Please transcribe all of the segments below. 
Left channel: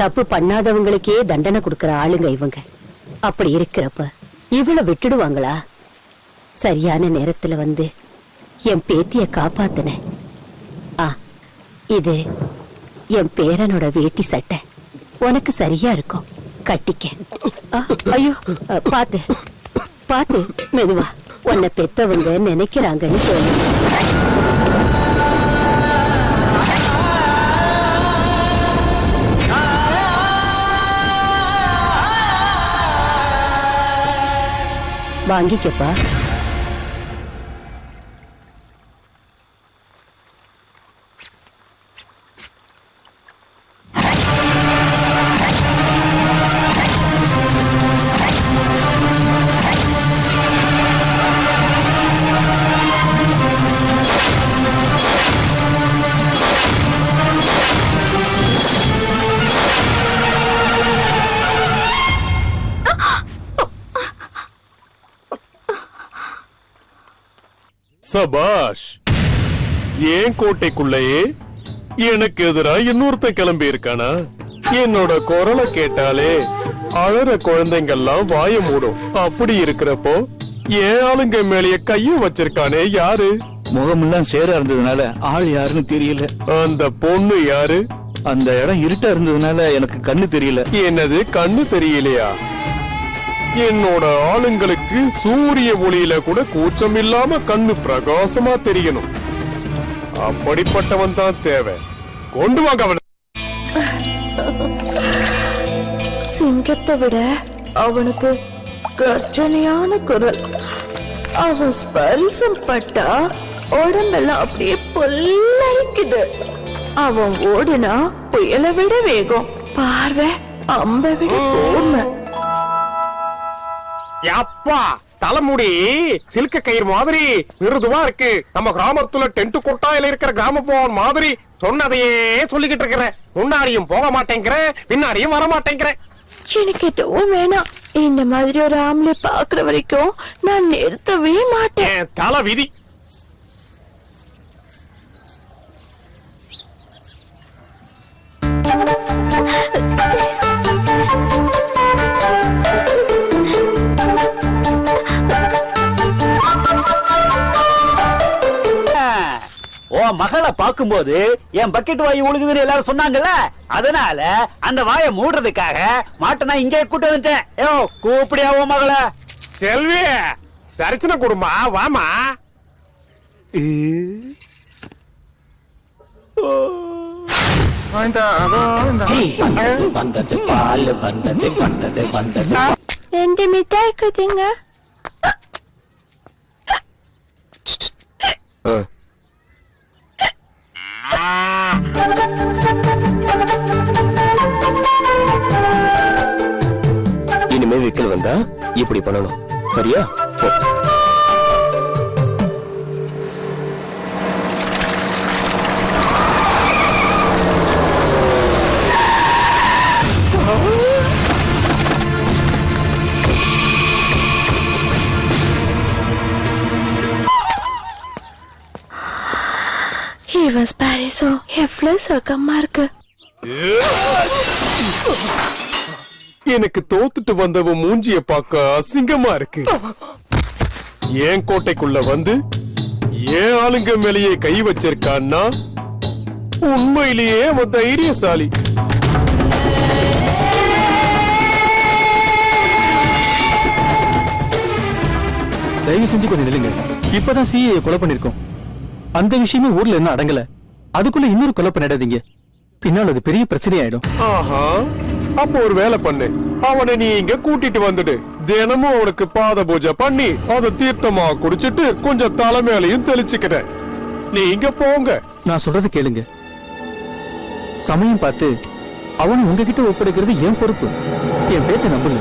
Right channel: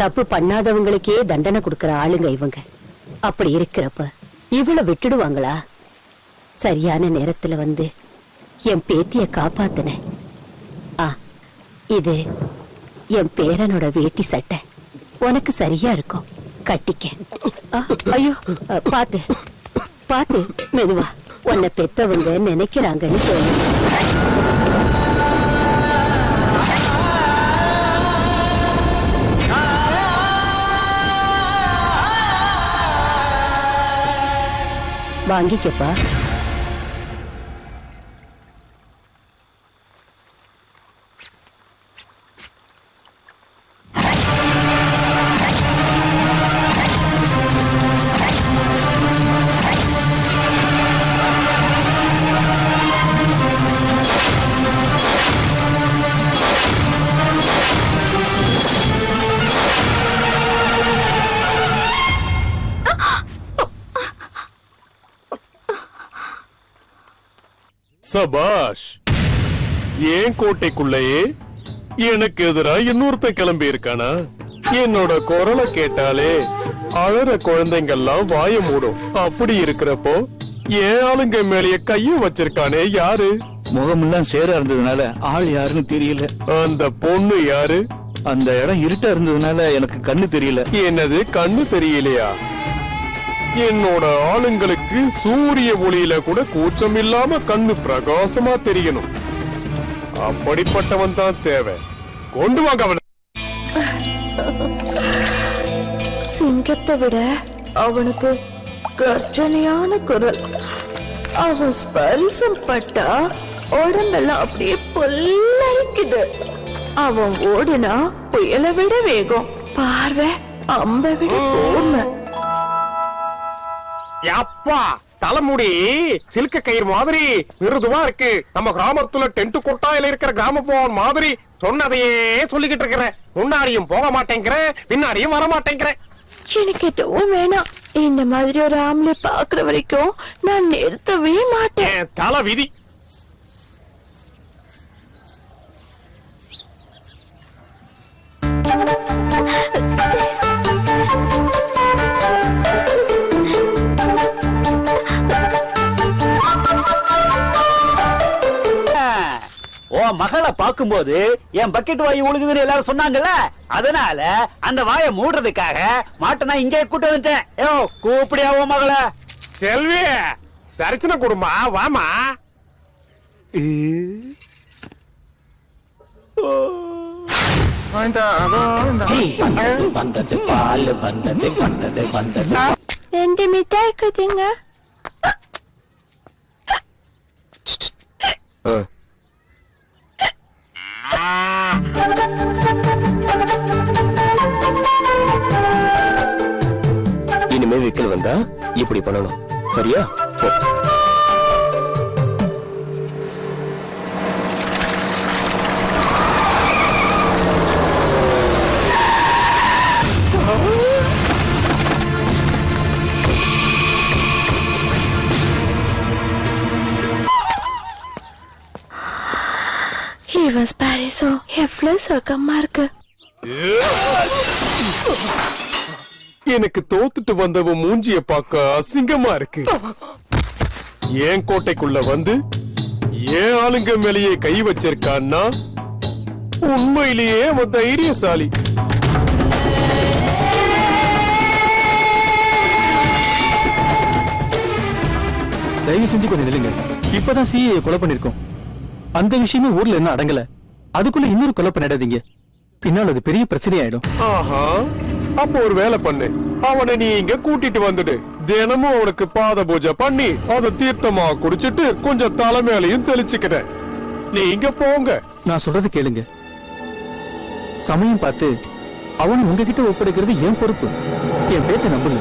தப்பு பண்ணாதவங்களுக்கே தண்டனை கொடுக்கற ஆளுங்க இவங்க. அப்படி இருக்கிறப்ப இவள விட்டுடுவாங்களா? சரியான நேரத்துல வந்து என் பேத்திய காப்பாத்தின. இது என் பேரனோட வேட்டி சட்டை, உனக்கு சரியா இருக்கும், கட்டிக்க. ஐயோ, பாத்து பாத்து, மெதுவா. உன்னை பெத்தவங்க நினைக்கிறாங்கன்னு வாங்கிக்கப்பா. சபாஷ். ஏன் கோட்டைக்குள்ளேயே எனக்கு எதிரா இன்னொருத்த கிளம்பி இருக்கானா? என்னோட குரலை கேட்டாலே அழற குழந்தைங்கெல்லாம் வாய மூடும். அப்படி இருக்கிறப்போ ஏன் ஆளுங்க மேலேயே கைய வச்சிருக்கானே யாரு? முகமெல்லாம் சேரா இருந்ததுனால ஆள் யாருன்னு தெரியல. அந்த பொண்ணு யாரு? அந்த இடம் இருட்டா இருந்ததுனால எனக்கு கண்ணு தெரியல. என்னது, கண்ணு தெரியலையா? என்னோட ஆளுங்களுக்கு சூரிய ஒளியில கூட கூச்சம் இல்லாம கண்ணு பிரகாசமா தெரியணும். அப்படிப்பட்டவன் தான் தேவை. கொண்டு வாங்க அவனை. சிங்கத்தை விட அவனுக்கு கர்ஜனையான குரல். அவன் ஸ்பர்சம் பட்டா உடம்பெல்லாம் அப்படியே பொல்லரிக்குது. அவன் ஓடுனா புயலை விட வேகம், பார்வை அம்பை விட கூர்மை. அப்பா, தலைமுடி சில்க கயிறு மாதிரி மிருதுவா இருக்கு. நம்ம கிராமத்துல டென்ட் கொட்டாயில இருக்கிற கிராமபோன் மாதிரி சொன்னதையே சொல்லிக்கிட்டு இருக்கிற. முன்னாடியும் போக மாட்டேங்கிற, பின்னாடியும் வர மாட்டேங்கிற. எனக்கு எதுவும் வேணாம். இந்த மாதிரி ஒரு ஆம்பளை பாக்குற வரைக்கும் நான் நிறுத்தவே மாட்டேன். தலை விதி. மகளை பாக்கும்போது என் பக்கெட் வாயு ஒழுகுதுன்னு எல்லாரும் சொன்னாங்கல்ல, அதனால அந்த வாயை மூடுறதுக்காக மாட்டை நான் இங்கே கூட்டு வந்துட்டேன். கூப்பிடியாவோ மகளை? செல்வி, தரிசன குடும்பா, வாமா. ரெண்டு மிட்டாய் கட்டுங்க. இனிமே விக்கல் வந்தா இப்படி பண்ணணும், சரியா? இவன் ஸ்பாரிசோ எவ்வளவு சுகமா இருக்கு. எனக்கு தோத்துட்டு வந்தவன் மூஞ்சிய பார்க்க அசிங்கமா இருக்கு. ஏன் கோட்டைக்குள்ள வந்து ஏன் ஆளுங்க மேலேயே கை வச்சிருக்கான்னா உண்மையிலேயே அவன் தைரியசாலி. தயவு செஞ்சு கொஞ்சம் நில்லுங்க. இப்பதான் சிஏ கொலை பண்ணிருக்கோம். அந்த விஷயமே ஊர்ல என்ன அடங்கல. அதுக்குள்ள இன்னொரு கொலை பண்ணிடாதீங்க, பின்னால் அது பெரிய பிரச்சனை ஆயிடும். ஆஹா, அப்ப ஒரு வேலை பண்ணு. அவனை நீ இங்க கூட்டிட்டு வந்துடு. தினமும் அவனுக்கு பாத பூஜை பண்ணி அதை தீர்த்தமா குடிச்சிட்டு கொஞ்சம் தலைமையிலையும் தெளிச்சுக்கிற. நீங்க போங்க. நான் சொல்றது கேளுங்க. சமயம் பார்த்து அவன் உங்ககிட்ட ஒப்படைக்கிறது என் பொறுப்பு. என் பேச்ச நம்புங்க.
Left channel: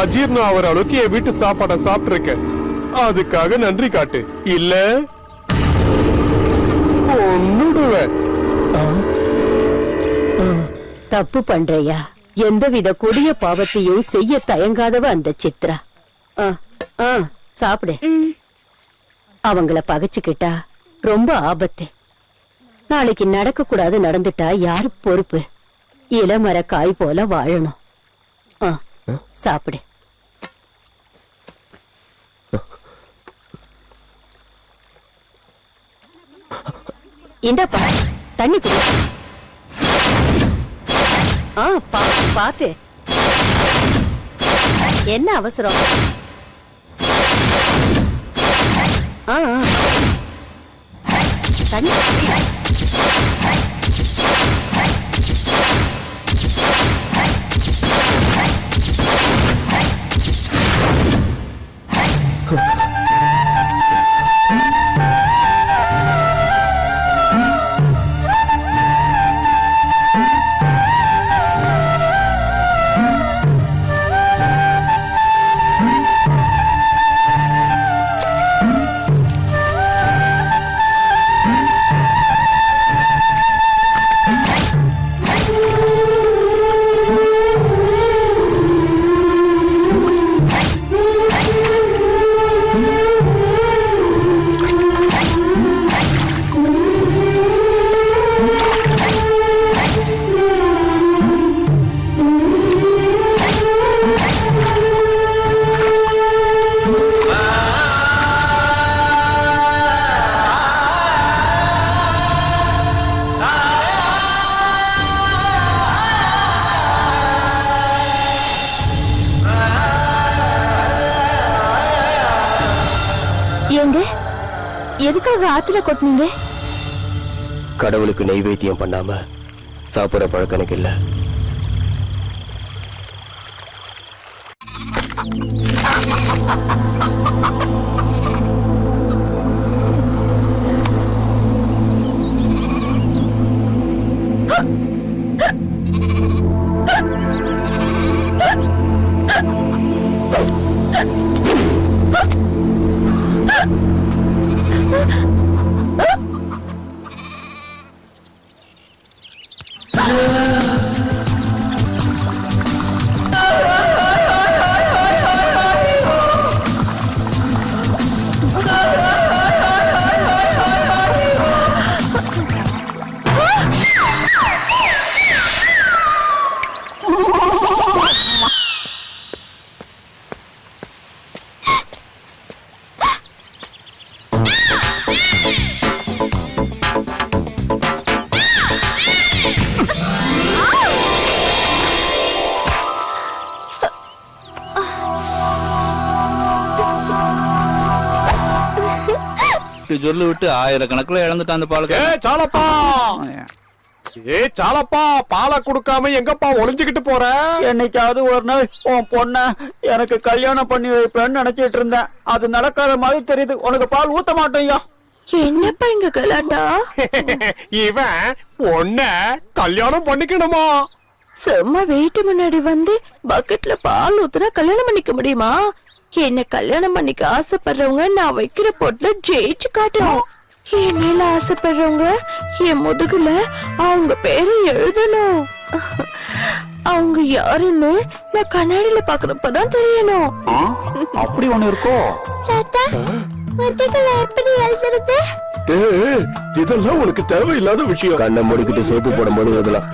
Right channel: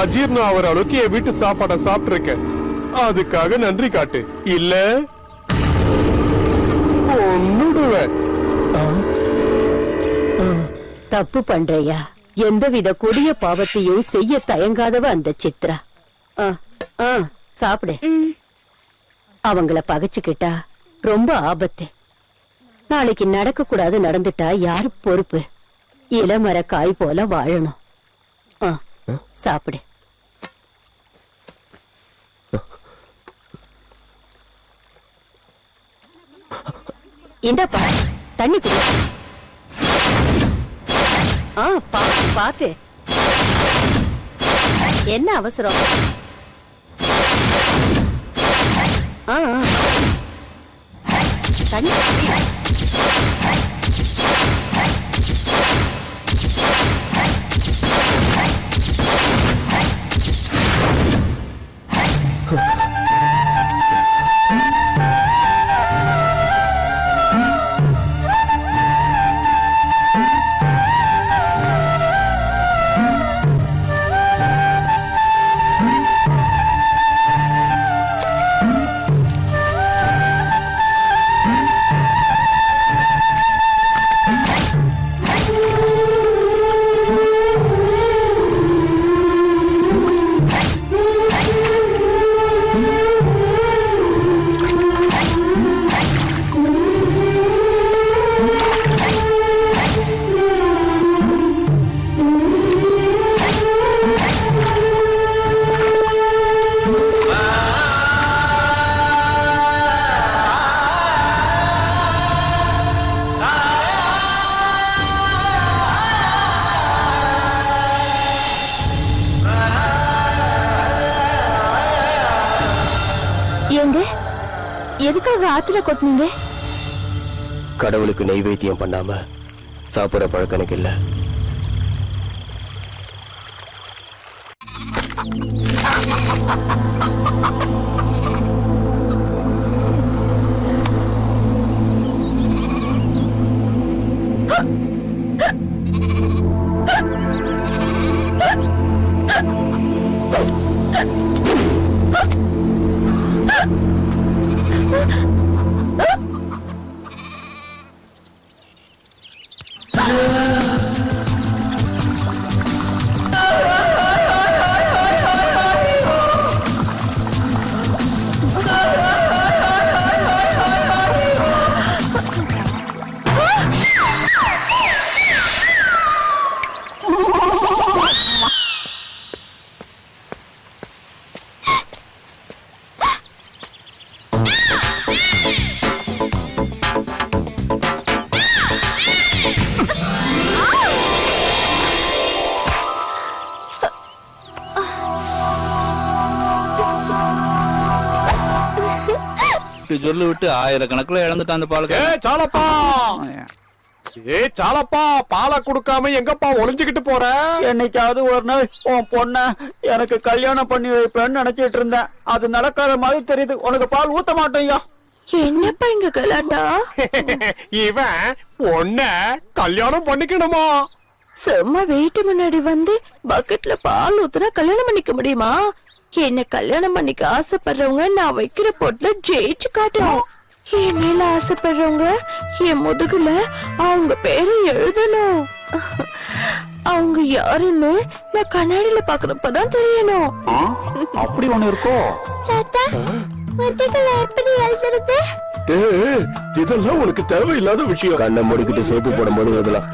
அஜீர்ணம் ஆகிற அளவுக்கு என் வீட்டு சாப்பாடை சாப்பிட்டு அதுக்காக நன்றி காட்டு. இல்ல தப்பு பண்றையா. எந்தவித கொடிய பாவத்தையும் செய்ய தயங்காதவ அந்த சித்ரா. சாப்பிடு. அவங்கள பகைச்சுக்கிட்டா ரொம்ப ஆபத்து. நாளைக்கு நடக்க கூடாது நடந்துட்டா யாரு பொறுப்பு? இளமர காய் போல வாழணும். சாப்பிடு. இந்தப்பா தண்ணி குடி. பாத்து. என்ன அவசரம்? தண்ணி குடி. எதுக்காக ஆத்துல கொட்டினீங்க? கடவுளுக்கு நைவேத்தியம் பண்ணாம சாப்பிடுற பழக்கம் எனக்கு இல்ல. சொல்லு விட்டு ஆயிரக்கணக்கில் இழந்துட்டான் அந்த பாலுக்கு. சாலப்பா பாலை கொடுக்காம எங்கப்பா ஒளிஞ்சுக்கிட்டு போற? என்னைக்காவது ஒரு நாள் உன் பொண்ண எனக்கு கல்யாணம் பண்ணி வைப்பேன்னு நினைச்சிட்டு இருந்தேன். அது நடக்காத மாதிரி தெரியுது. உனக்கு பால் ஊத்த மாட்டேயா? என்னப்பா இங்க கலாட்டா? இவன் பொண்ண கல்யாணம் பண்ணிக்கணுமா? சும்மா வீட்டு முன்னாடி வந்து பக்கெட்ல பால் ஊத்துனா கல்யாணம் பண்ணிக்க முடியுமா? என்ன கல்யாணம் பண்ணிக்க ஆசைப்படுறவங்க நான் வைக்கிற பொட்டுல ஜெயிச்சு காட்டணும். என் மேல ஆசைப்படுறவங்க என் முதுகுல அவங்க பேரை எழுதணும். அவங்க யாருன்னு நான் கண்ணாடியில பாக்குறப்பதான் தெரியணும். அப்படி ஒண்ணு இருக்கும். இதெல்லாம் உனக்கு தேவையில்லாத விஷயம். கண்ணை முடிக்கிட்டு சோப்பு போடும் போது எழுதலாம்.